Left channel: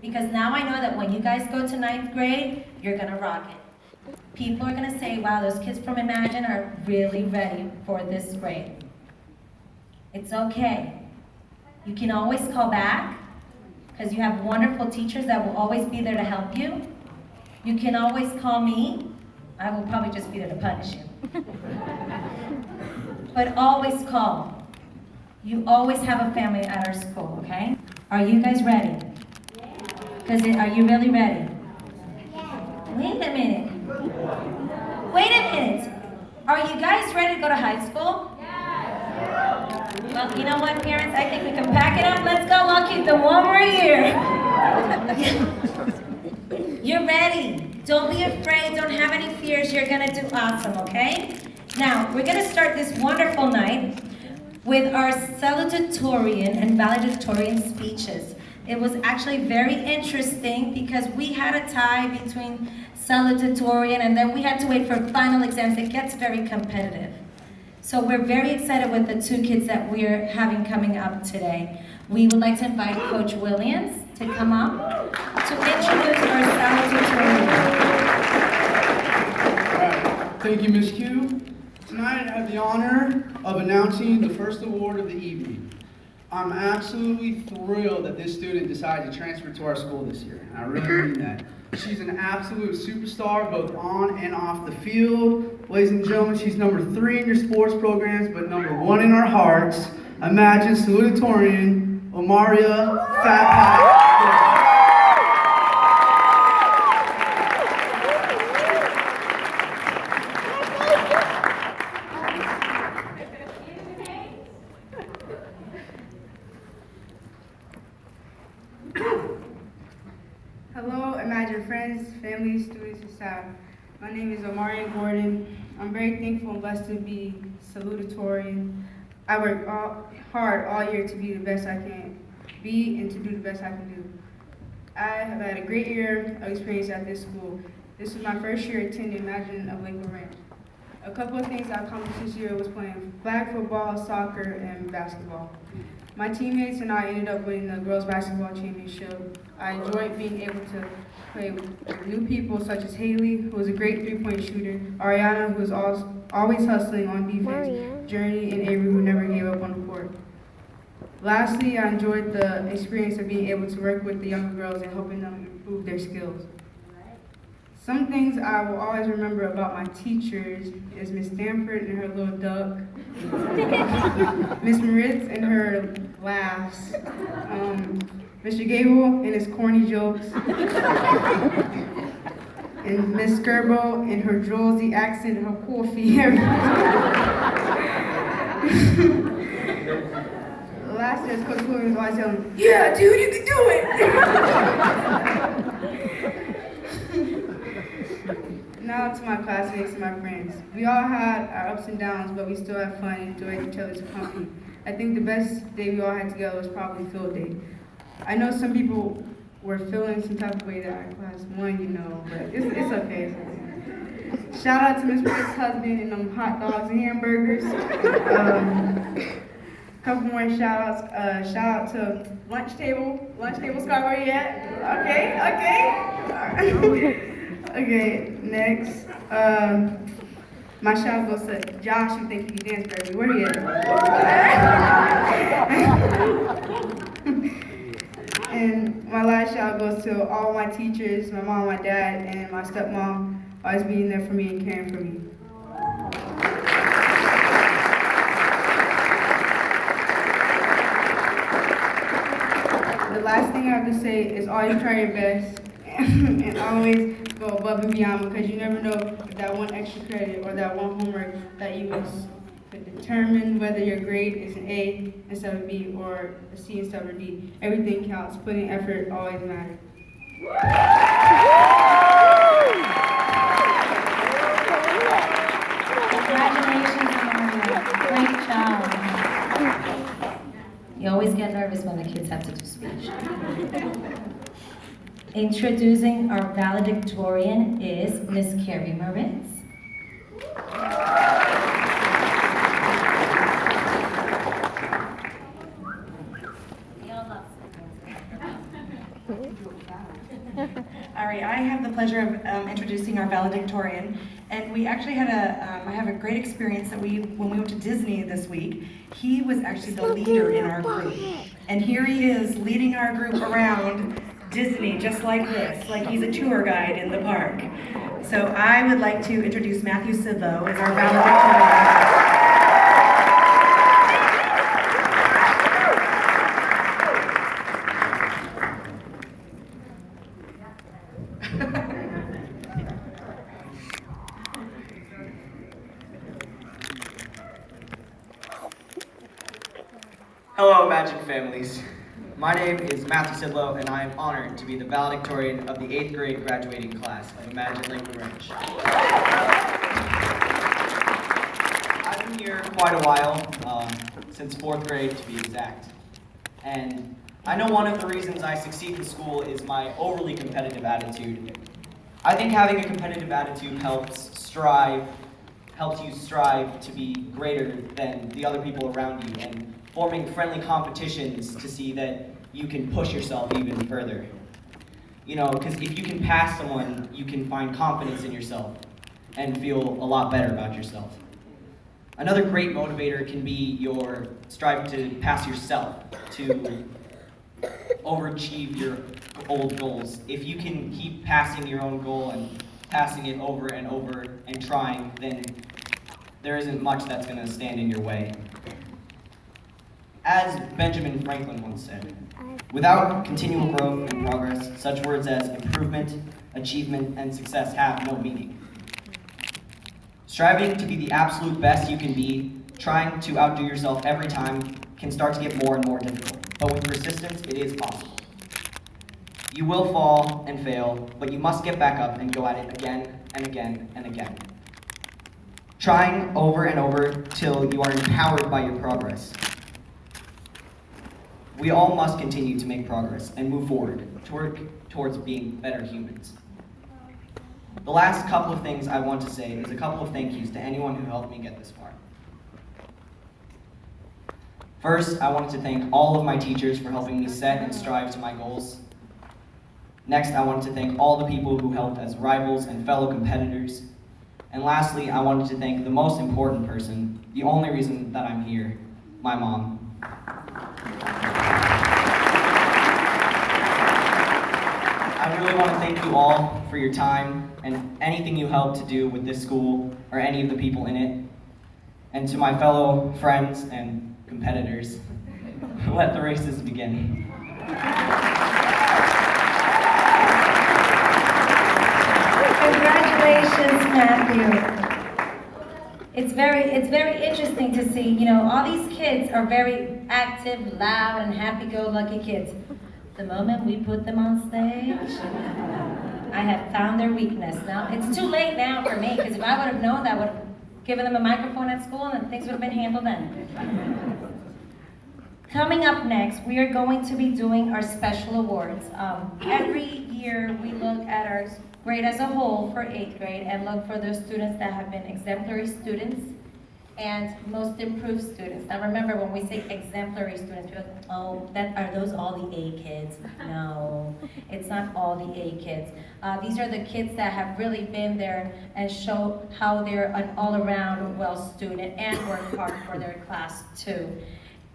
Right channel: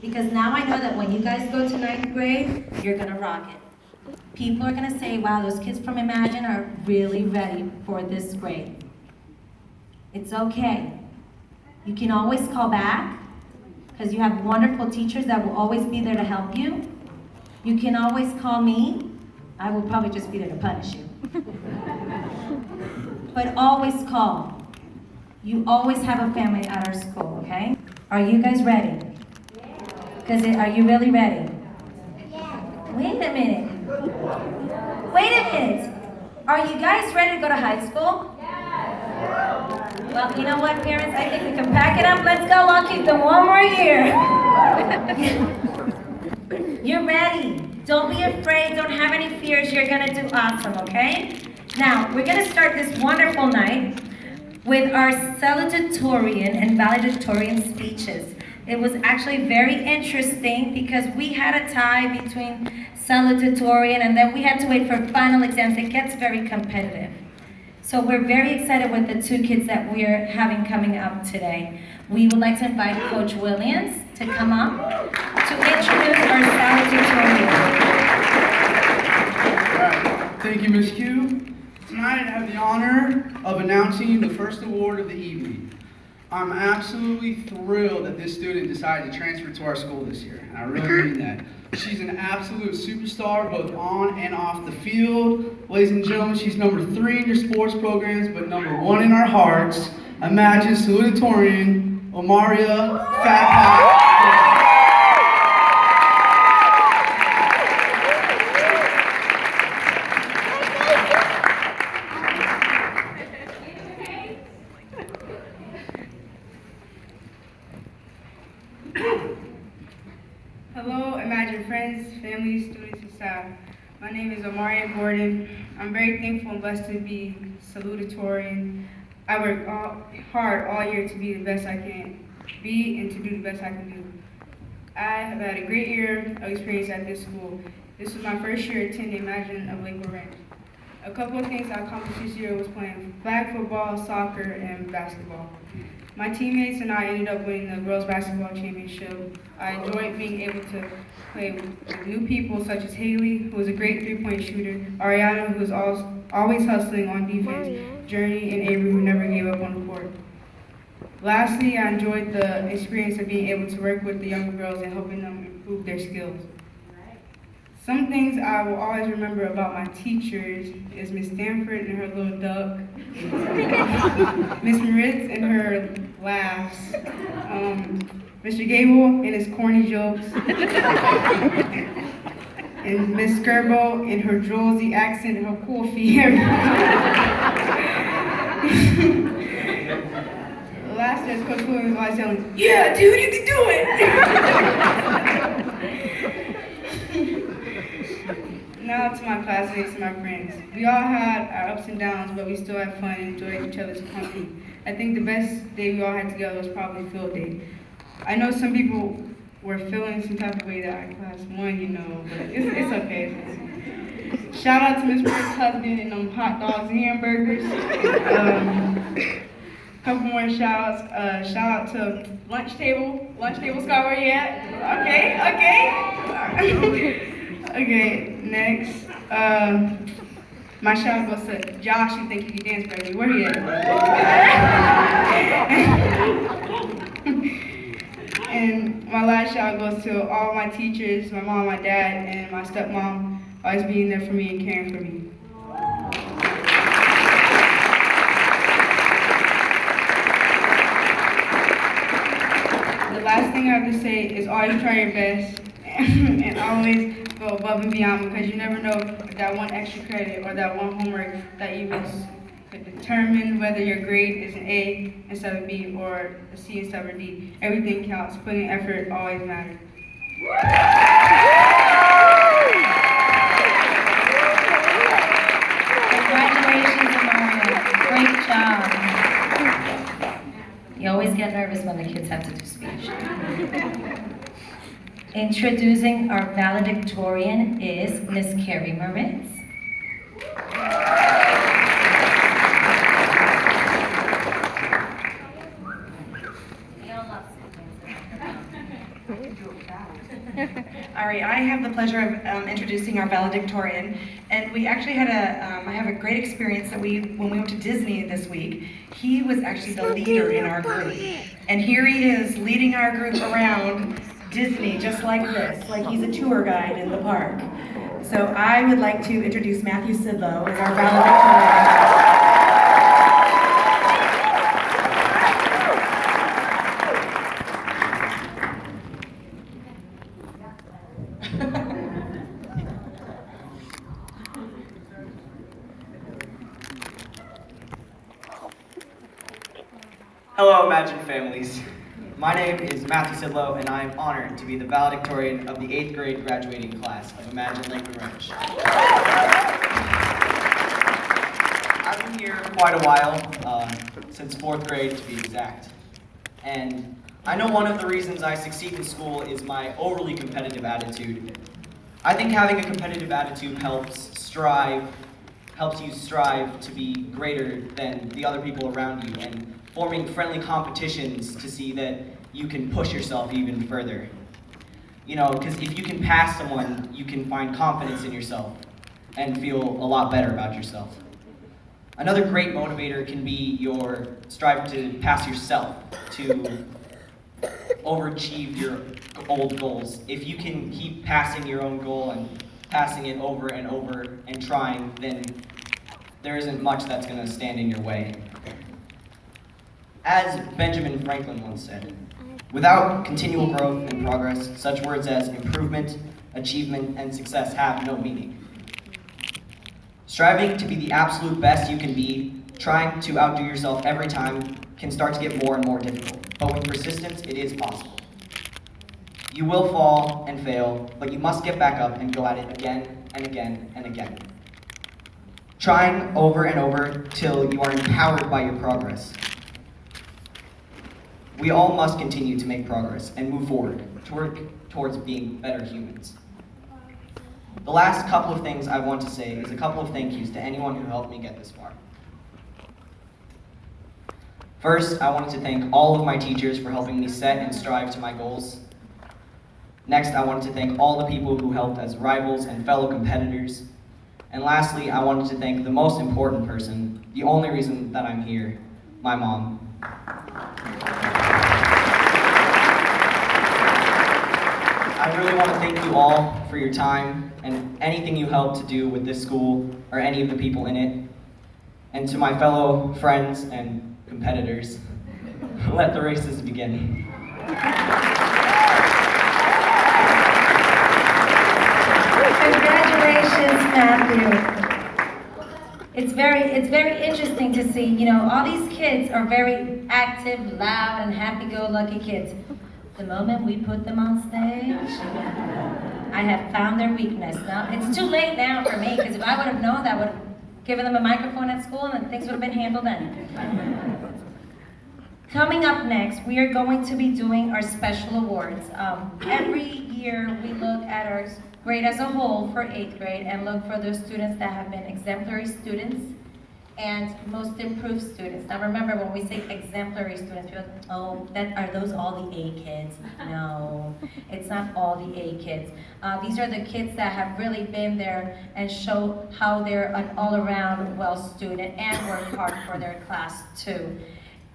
Because now I know that when you guys go to ninth grade, you're gonna rock it. People are gonna say, wow, those kids from Imagine are really ready for this grade. It's okay. You can always call back, because you have wonderful teachers that will always be there to help you. You can always call me. I will probably just be there to punish you. But always call. You always have a family at our school, okay? Are you guys ready? Because are you really ready? Wait a minute. Wait a minute. Are you guys ready to go to high school? Well, you know what, parents? I think we can pack it up. Let's go. I'll keep them one more year. You're ready. Don't be afraid. Don't have any fears. You're going to do awesome, okay? Now, we're going to start this wonderful night with our salutatorian and valedictorian speeches. It was actually very interesting because we had a tie between salutatorian and then we had to wait for final exams. It gets very competitive. So we're very excited with the two kids that we're having coming up today. We would like to invite Coach Williams to come up to introduce our salutatorian. All right. Thank you, Ms. Q. Tonight I have the honor of announcing the first award of the evening. I'm absolutely thrilled that this student decided to transfer to our school this year, and I really mean that. She's an absolute superstar, both on and off the field. Ladies and gentlemen, she's number 3 in your sports programs, but number 1 in our hearts. Imagine salutatorian, Omaria Fat Pot. Hello, Imagine friends, family, students, and staff. My name is Omaria Gordon. I'm very thankful and blessed to be salutatorian. I work hard all year to be the best I can be and to do the best I can do. I have had a great year of experience at this school. This was my first year attending Imagine of Lakewood Ranch. A couple of things I accomplished this year was playing flag football, soccer, and basketball. My teammates and I ended up winning the girls basketball championship. I enjoyed being able to play with new people such as Haley, who is a great three-point shooter, Ariana, who is always hustling on defense, Journey, and Avery, who never gave up on the court. Lastly, I enjoyed the experience of being able to work with the younger girls and helping them improve their skills. Some things I will always remember about my teachers is Miss Stanford and her little duck, Miss Moritz and her laughs, Mr. Gable and his corny jokes, and Miss Skirbo and her Jersey accent and her coffee. Last year, Coach Williams was always telling me, "Yeah, dude, you can do it." Now to my classmates and my friends. We all had our ups and downs, but we still had fun and enjoyed each other's company. I think the best day we all had together was probably field day. I know some people were feeling some type of way that I class 1, you know, but it's okay. Shout out to Miss Rick's husband and them hot dogs and hamburgers. Couple more shout outs. Shout out to Lunch Table. Lunch Table Scott, where you at? Okay. Okay, next. My shout out goes to Josh, who thinks he can dance better. Where he at? And my last shout out goes to all my teachers, my mom, my dad, and my stepmom, always being there for me and caring for me. The last thing I have to say is always try your best and always go above and beyond, because you never know if that one extra credit or that one homework that you miss could determine whether your grade is an A instead of B or a C instead of a D. Everything counts. Putting effort always matters. Congratulations, Amanda. Great job. You always get nervous when the kids have to do speech. Introducing our valedictorian is Miss Carrie Moritz. We all love All right, I have the pleasure of introducing our valedictorian, and we actually had I have a great experience that when we went to Disney this week, he was actually the leader in our group, and here he is leading our group around Disney just like this, like he's a tour guide in the park. So I would like to introduce Matthew Sidlow as our valedictorian. Hello, Imagine families. My name is Matthew Sidlow, and I am honored to be the valedictorian of the 8th grade graduating class of Imagine Lakewood Ranch. I've been here quite a while, since 4th grade to be exact. And I know one of the reasons I succeed in school is my overly competitive attitude. I think having a competitive attitude helps you strive to be greater than the other people around you, and forming friendly competitions to see that you can push yourself even further. You know, because if you can pass someone, you can find confidence in yourself and feel a lot better about yourself. Another great motivator can be your strive to pass yourself, to overachieve your old goals. If you can keep passing your own goal and passing it over and over and trying, then there isn't much that's going to stand in your way. As Benjamin Franklin once said, without continual growth and progress, such words as improvement, achievement, and success have no meaning. Striving to be the absolute best you can be, trying to outdo yourself every time, can start to get more and more difficult. But with persistence, it is possible. You will fall and fail, but you must get back up and go at it again and again and again. Trying over and over till you are empowered by your progress. We all must continue to make progress and move forward towards being better humans. The last couple of things I want to say is a couple of thank yous to anyone who helped me get this far. First, I wanted to thank all of my teachers for helping me set and strive to my goals. Next, I wanted to thank all the people who helped as rivals and fellow competitors. And lastly, I wanted to thank the most important person, the only reason that I'm here, my mom. I really want to thank you all for your time and anything you helped to do with this school or any of the people in it. And to my fellow friends and competitors, let the races begin. Congratulations, Matthew. It's very interesting to see, you know, all these kids are very active, loud, and happy-go-lucky kids. The moment we put them on stage, I have found their weakness. Now, it's too late now for me, because if I would have known that, I would have given them a microphone at school and things would have been handled then. Coming up next, we are going to be doing our special awards. Every year, we look at our grade as a whole for 8th grade and look for those students that have been exemplary students and most improved students. Now remember, when we say exemplary students, we're like, oh, are those all the A kids? No, it's not all the A kids. These are the kids that have really been there and show how they're an all-around well student and work hard for their class too.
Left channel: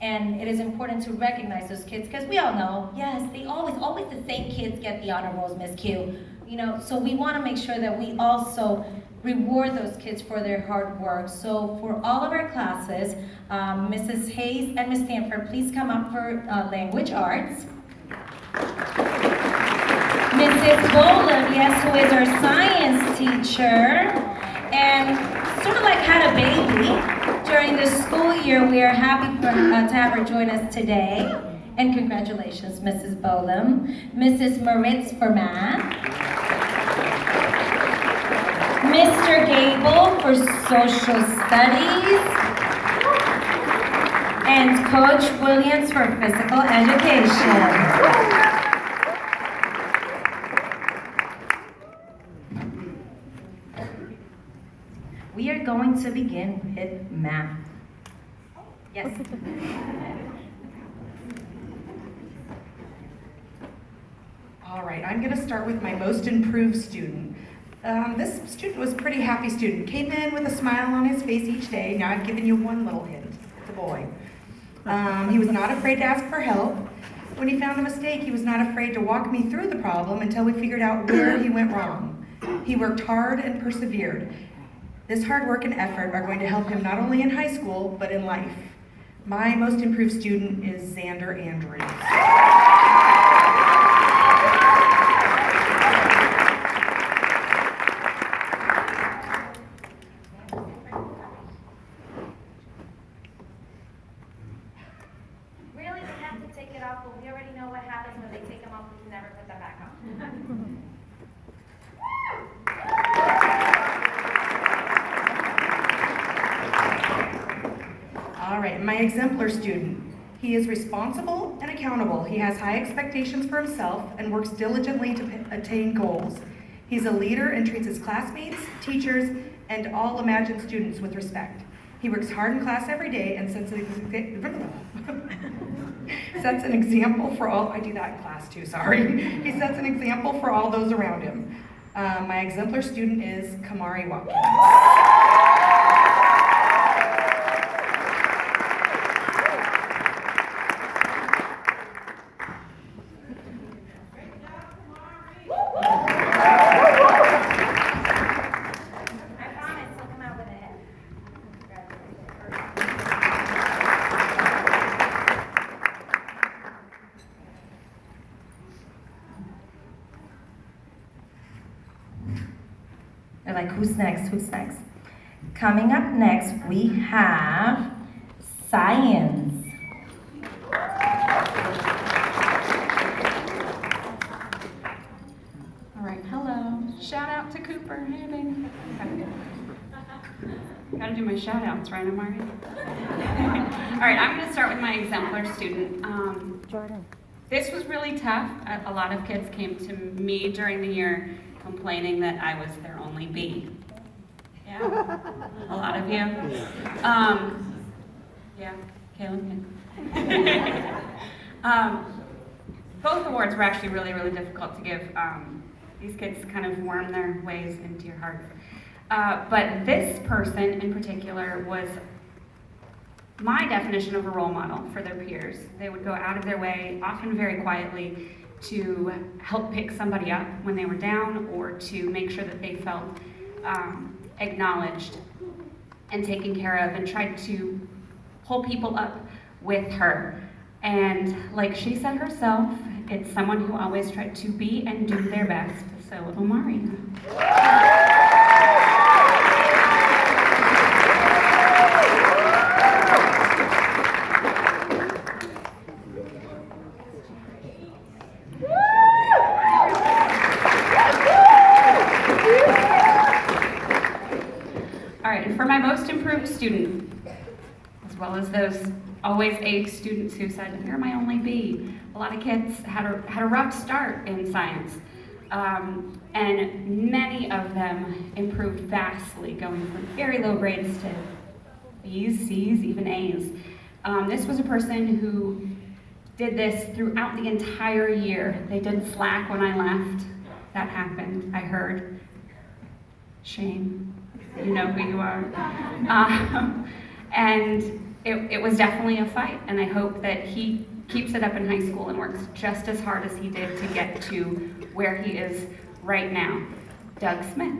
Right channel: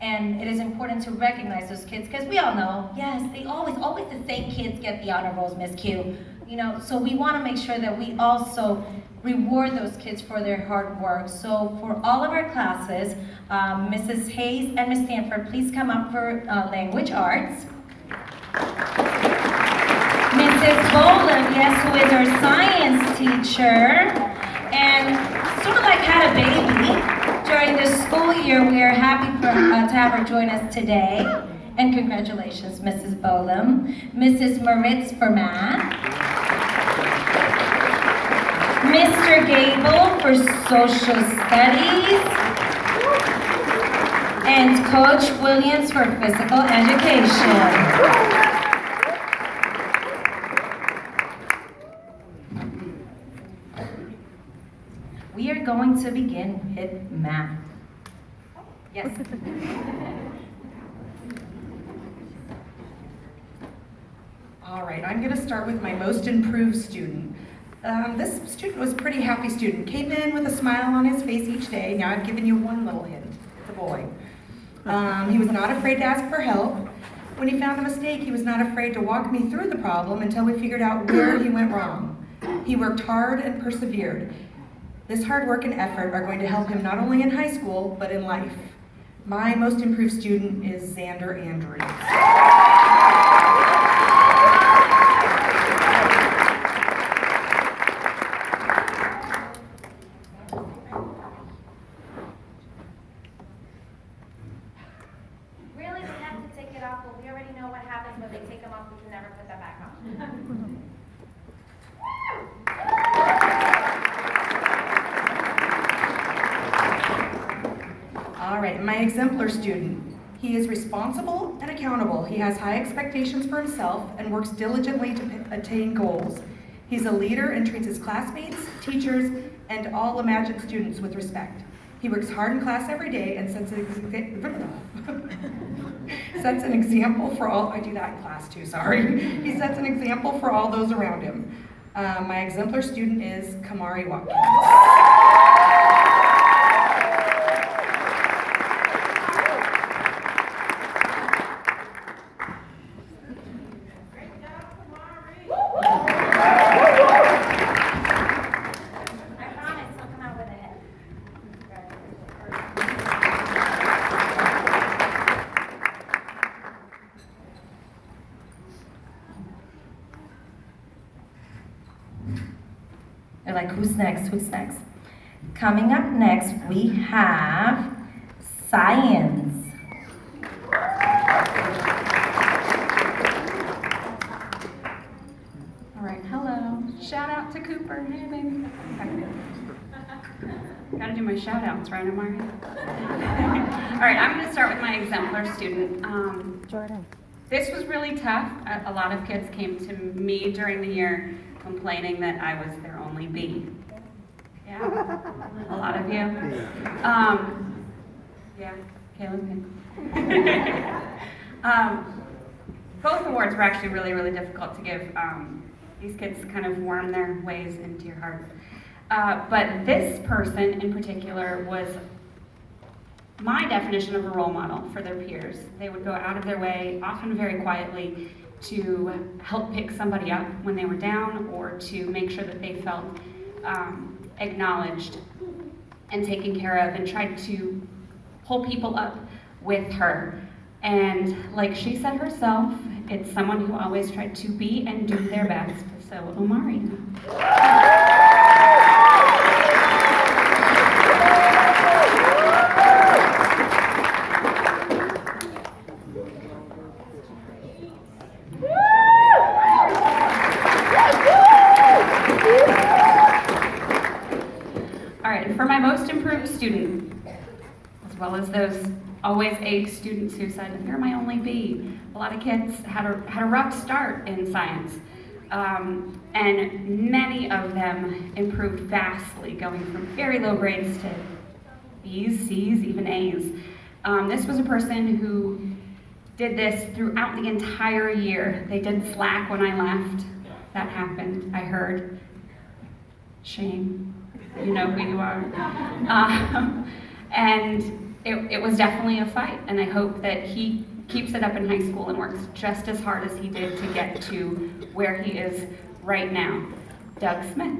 And it is important to recognize those kids, because we all know, yes, they always the same kids get the honor rolls, Miss Q. You know, so we want to make sure that we also reward those kids for their hard work. So for all of our classes, Mrs. Hayes and Ms. Stanford, please come up for language arts. Mrs. Boland, yes, who is our science teacher, and sort of like had a baby during the school year. We are happy to have her join us today. And congratulations, Mrs. Bolam. Mrs. Moritz for math. Mr. Gable for social studies. And Coach Williams for physical education. We are going to begin with math. Yes. All right, I'm going to start with my most improved student. This student was a pretty happy student. Came in with a smile on his face each day. Now I've given you one little hint. It's a boy. He was not afraid to ask for help. When he found a mistake, he was not afraid to walk me through the problem until we figured out where he went wrong. He worked hard and persevered. This hard work and effort are going to help him not only in high school, but in life. My most improved student is Xander Andrews. Really, they have to take it off, but we already know what happens when they take them off. We can never put them back on. All right, my exemplar student. He is responsible and accountable. He has high expectations for himself and works diligently to attain goals. He's a leader and treats his classmates, teachers, and all imagined students with respect. He works hard in class every day and sets an example for all, I do that in class too, sorry. He sets an example for all those around him. My exemplar student is Kamari Watkins. I promise he'll come out with a hit. They're like, who's next? Who's next? Coming up next, we have science. All right, hello. Shout out to Cooper. Hey, baby. Okay. Gotta do my shout outs, right, Amari? All right, I'm gonna start with my exemplar student. Jordan. This was really tough. A lot of kids came to me during the year complaining that I was their only B. Yeah? A lot of you? Yeah, Caleb. Both awards were actually really, really difficult to give. These kids kind of worm their ways into your hearts. But this person in particular was my definition of a role model for their peers. They would go out of their way, often very quietly, to help pick somebody up when they were down or to make sure that they felt acknowledged and taken care of, and tried to pull people up with her. And like she said herself, it's someone who always tried to be and do their best. So, Omari. All right, and for my most improved student, as well as those always A students who said, you're my only B. A lot of kids had a rough start in science. And many of them improved vastly, going from very low grades to B's, C's, even A's. This was a person who did this throughout the entire year. They didn't slack when I left. That happened, I heard. Shame. You know who you are. And it was definitely a fight, and I hope that he keeps it up in high school and works just as hard as he did to get to where he is right now. Doug Smith.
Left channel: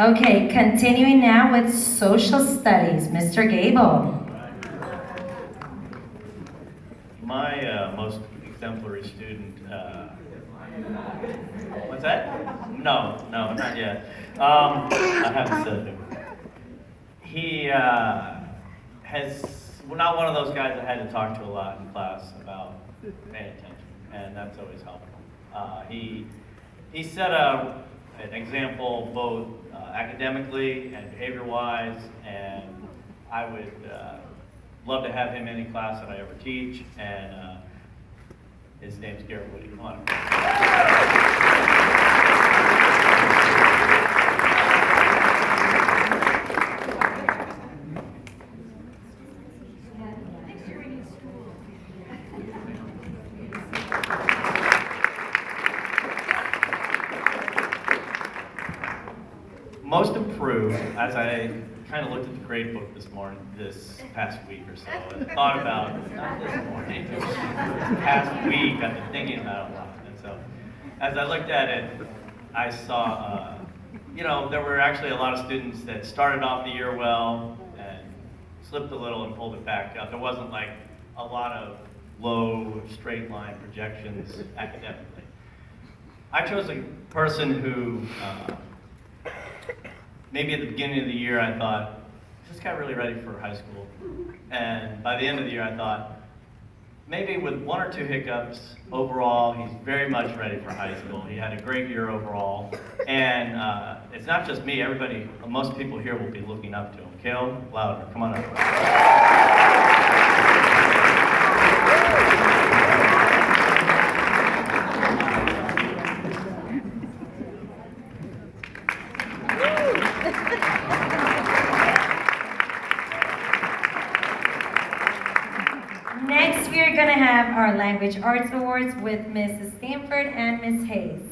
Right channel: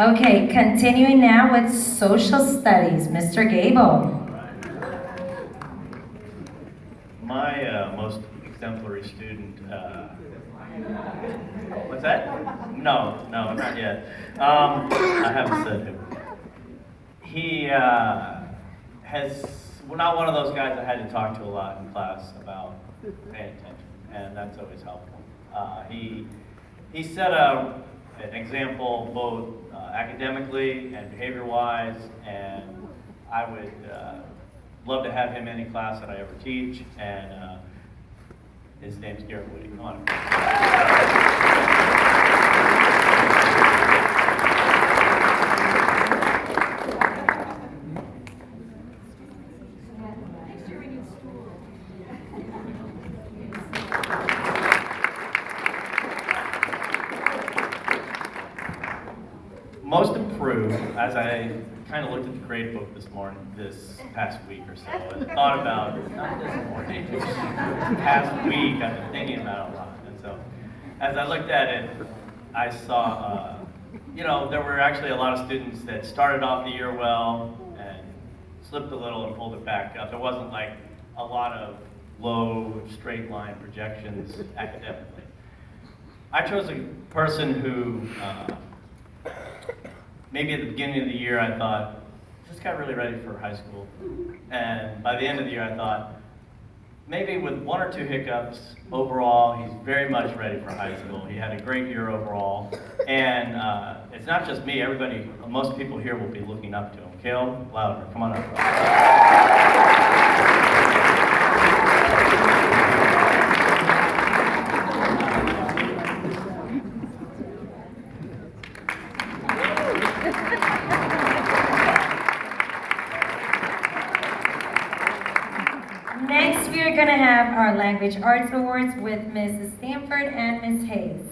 Okay, continuing now with social studies, Mr. Gable. My most exemplary student, what's that? No, not yet. I haven't said who. He has, well, not one of those guys I had to talk to a lot in class about paying attention, and that's always helpful. He set an example both academically and behavior-wise, and I would love to have him in any class that I ever teach. And His name's Garrett Woody. Come on. Most improved, as I kind of looked at the grade book this past week or so, and thought about, not this morning, this past week, I've been thinking about it a lot. And so, as I looked at it, I saw, there were actually a lot of students that started off the year well and slipped a little and pulled it back up. There wasn't like a lot of low straight line projections academically. I chose a person who, maybe at the beginning of the year I thought, is this guy really ready for high school? And by the end of the year I thought, maybe with one or two hiccups, overall he's very much ready for high school. He had a great year overall. And it's not just me, most people here will be looking up to him. Kale, louder, come on up. Next, we are going to have our Language Arts Awards with Mrs. Stanford and Ms. Hayes.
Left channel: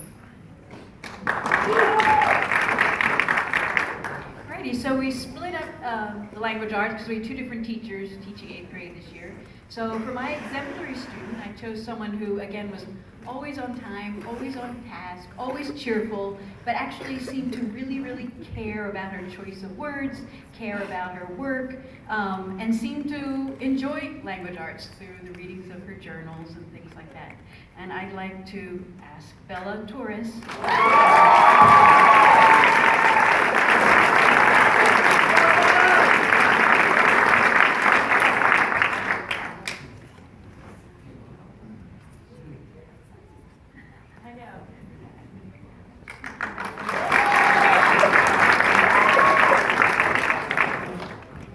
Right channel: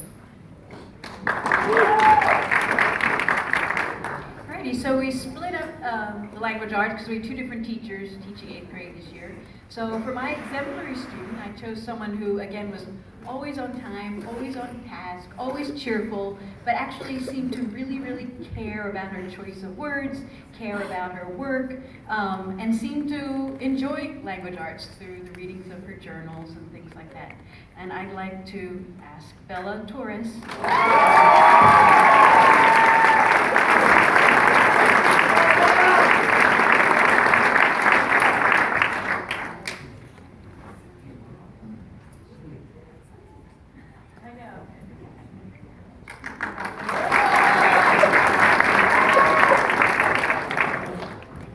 Alrighty, so we split up the language arts because we had two different teachers teaching 8th grade this year. So for my exemplary student, I chose someone who, again, was always on time, always on task, always cheerful, but actually seemed to really, really care about her choice of words, care about her work, and seemed to enjoy language arts through the readings of her journals and things like that. And I'd like to ask Bella Torres.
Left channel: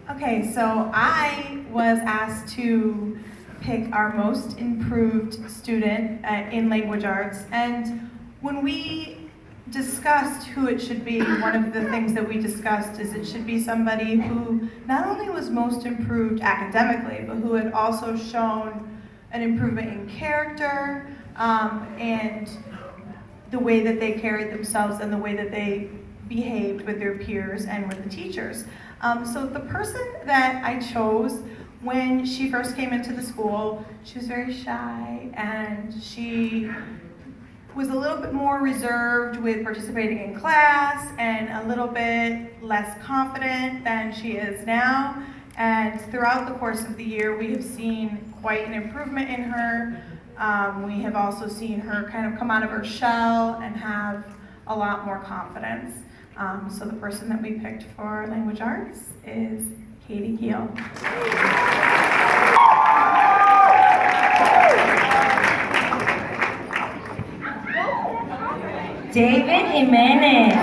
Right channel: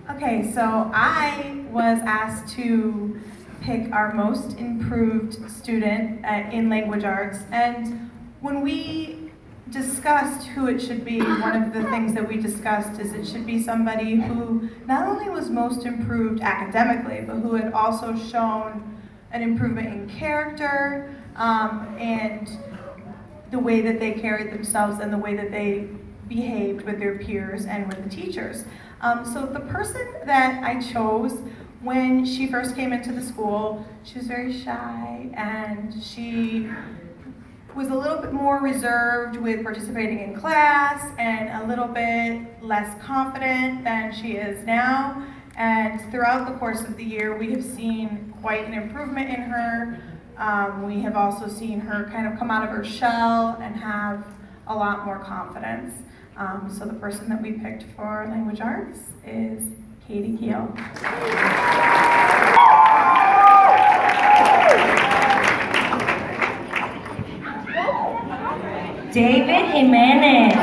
Okay, so I was asked to pick our most improved student in language arts, and when we discussed who it should be, one of the things that we discussed is it should be somebody who not only was most improved academically, but who had also shown an improvement in character and the way that they carried themselves and the way that they behaved with their peers and with the teachers. So the person that I chose, when she first came into the school, she was very shy and she was a little bit more reserved with participating in class and a little bit less confident than she is now. And throughout the course of the year, we have seen quite an improvement in her. We have also seen her kind of come out of her shell and have a lot more confidence. So the person that we picked for language arts is Katie Keel. David Jimenez.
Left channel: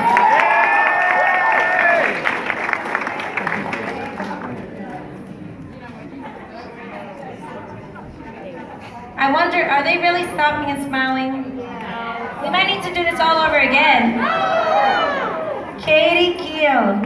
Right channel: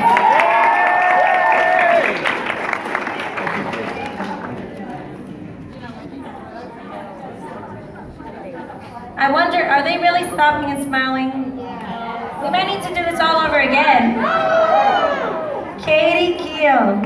I wonder, are they really stopping and smiling? We might need to do this all over again. Katie Keel.